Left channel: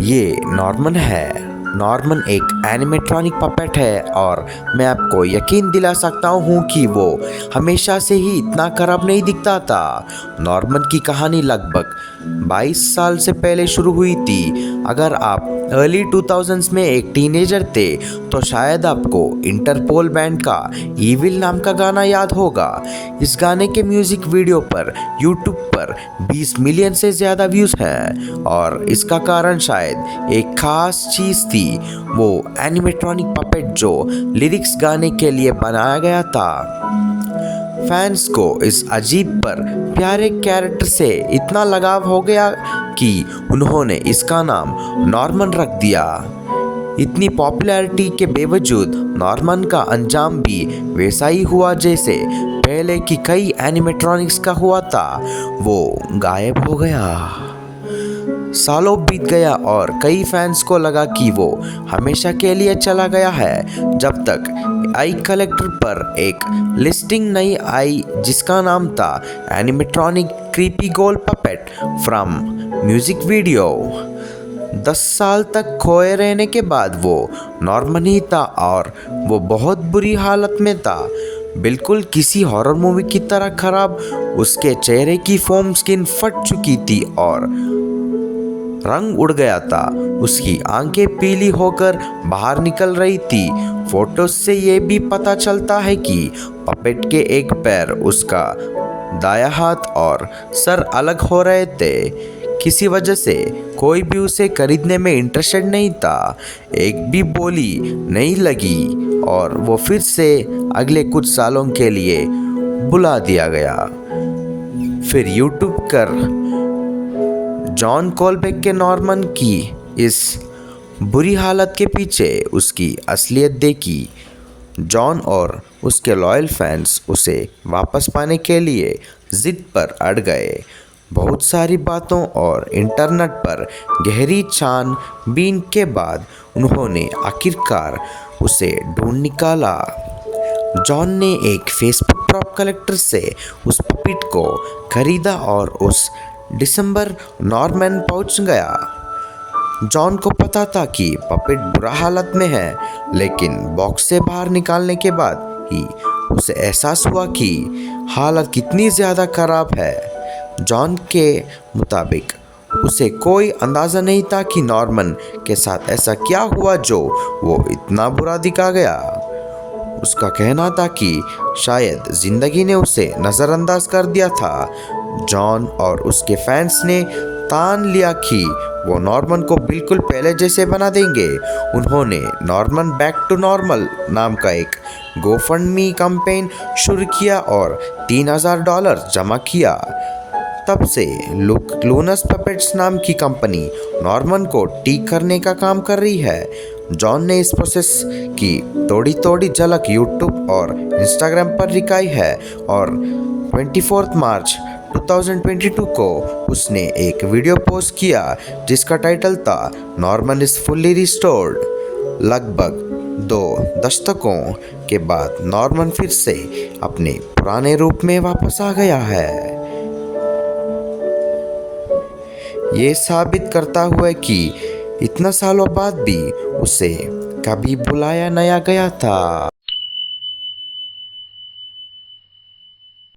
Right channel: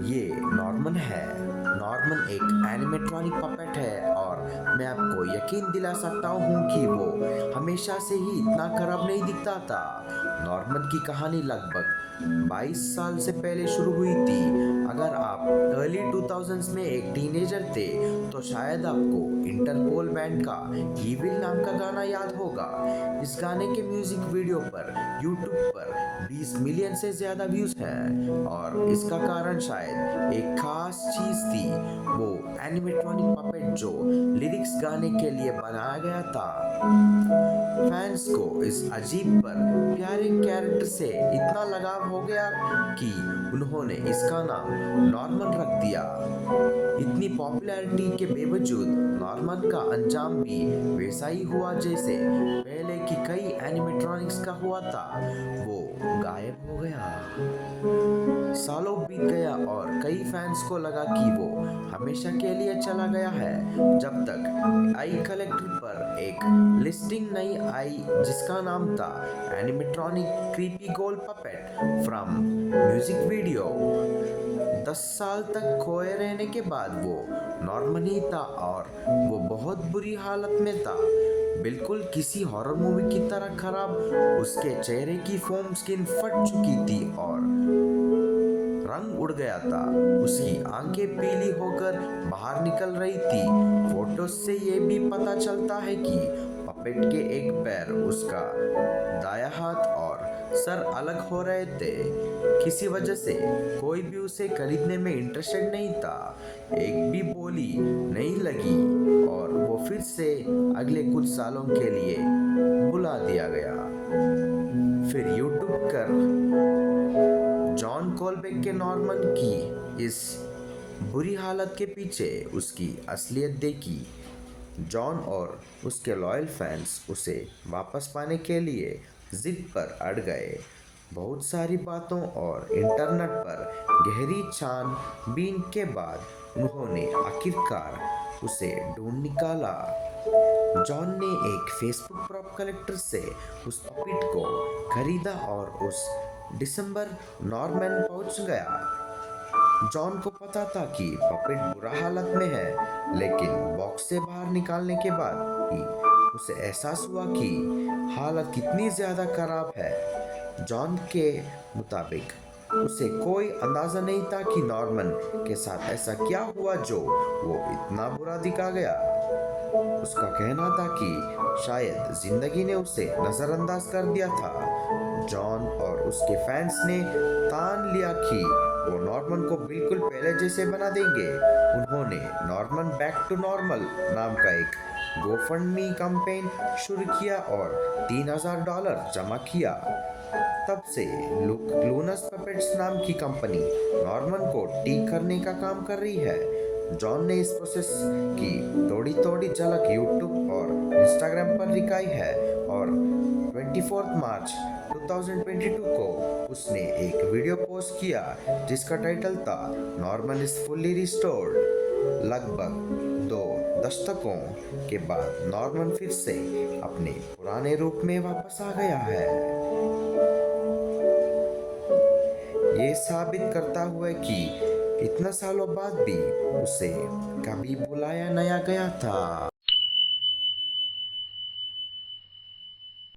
ये नॉर्मन है। नॉर्मन एक एनिमेट्रॉनिक पपेट है और मैं आपको यकीन दिला सकता हूँ कि वो हमेशा से ही इतना खराब नहीं दिखता था। नॉर्मन की कहानी लगभग 22 साल से पहले शुरू हुई थी। अगर आप अर्ली 2000s में एक टीनेजर थे तो शायद आपको इंटरपोल बैंड का ईविल नाम का गाना याद होगा। इस गाने के म्यूजिक वीडियो पर यूट्यूब पर 20 मिलियन से ज़्यादा व्यूज़ हैं और इसका कारण शायद एक खास चीज़ थी, वो एनिमेट्रॉनिक पपेट जो लिरिक्स गाने के लिए बनाया गया था। फैंस को इस अजीब पर प्यारे कैरेक्टर से इतना लगाव हो गया कि उन्होंने इसका नाम नॉर्मन रख दिया। इतनी पॉपुलैरिटी के बावजूद नॉर्मन का अंजाम भी वैसा ही हुआ जैसे पहले की कई एनिमेट्रॉनिक्स का हुआ था। वो गायब हो गया। सालों बीत गया और कई फैंस को लगा कि वो हमेशा के लिए चला गया है, जब तक आई कलेक्टर पर एक लिस्टिंग नहीं आई जिसका नाम था animatronic creepy gold puppet from music video. 10 साल तक खोए रहने के बाद वो नॉर्मन ही था और वो बहुत बुरी हालत में था, बिल्कुल किसी हॉरर मूवी की तरह खराब। उसके चेहरे की फोम स्किन फट चुकी थी और रंग उड़ गया था। उसकी आंखें पीली होकर बाहर निकल रही थी। फोटोज से ये भी पता चलता है कि पपेट के एक पैर, उसका दायां हाथ और सर अलग हो रहे थे। किसी वजह से कोई भी उसे खरीदने में इंटरेस्टेड नहीं था। एक भी बोली नहीं लगी और वो फिर से अगले कुछ सालों के लिए बुला दिया गया। फिर यूट्यूब कर जॉन कोलबेक के नॉर्मन की इस बुरी हालत के पीछे उसकी असलियत देखी। जॉन और उसके लॉयल फैंस उसे वापस पाने के लिए जिद पर अड़ गए। बहुत सारी बातों और इंटरनेट पर गहरी छानबीन के बाद उन्होंने आखिरकार उसे ढूंढ निकाला। जॉन ने एक फेसबुक प्रॉप कलेक्टर से उस पपेट को खरीदा और उस दिसंबर नॉर्मन पहुंच गया। जॉन को पता था कि पपेट बुरा हालत में है, लेकिन बॉक्स से बाहर निकालने के बाद ही उसे एहसास हुआ कि हालत कितनी ज़्यादा खराब है। जॉन के मुताबिक उसे कोई अंदाज़ा नहीं था कि नॉर्मन के साथ ऐसा क्या हुआ जो वो इतना बुरा दिखा गया। उसका कहना था कि शायद ज़िंदगी ने उसे नज़रअंदाज कर दिया था। जॉन और उसके फैंस ने ठान लिया कि वो नॉर्मन को बिल्कुल पहले जैसे बना देंगे। उन्होंने नॉर्मन बैक टू नॉर्मल नाम का एक गोफंडमी कैंपेन शुरू किया और $3000 जमा किया। तब से लूनस पपेट्स नाम की कंपनी नॉर्मन को ठीक करने का काम कर रही है। जॉन ने इस प्रोसेस की थोड़ी थोड़ी झलक यूट्यूब और इंस्टाग्राम पर दिखाई है और 24 मार्च 2022 को उसने एक वीडियो पोस्ट किया जिसका टाइटल था नॉर्मन इज फुल्ली रिस्टोर्ड। लगभग 2 दशकों के बाद नॉर्मन फिर से अपने पुराने रूप में वापस आ गया है। ये साबित करता हुआ कि इतना सालों बाद भी उसे कभी बुलाया नहीं गया था।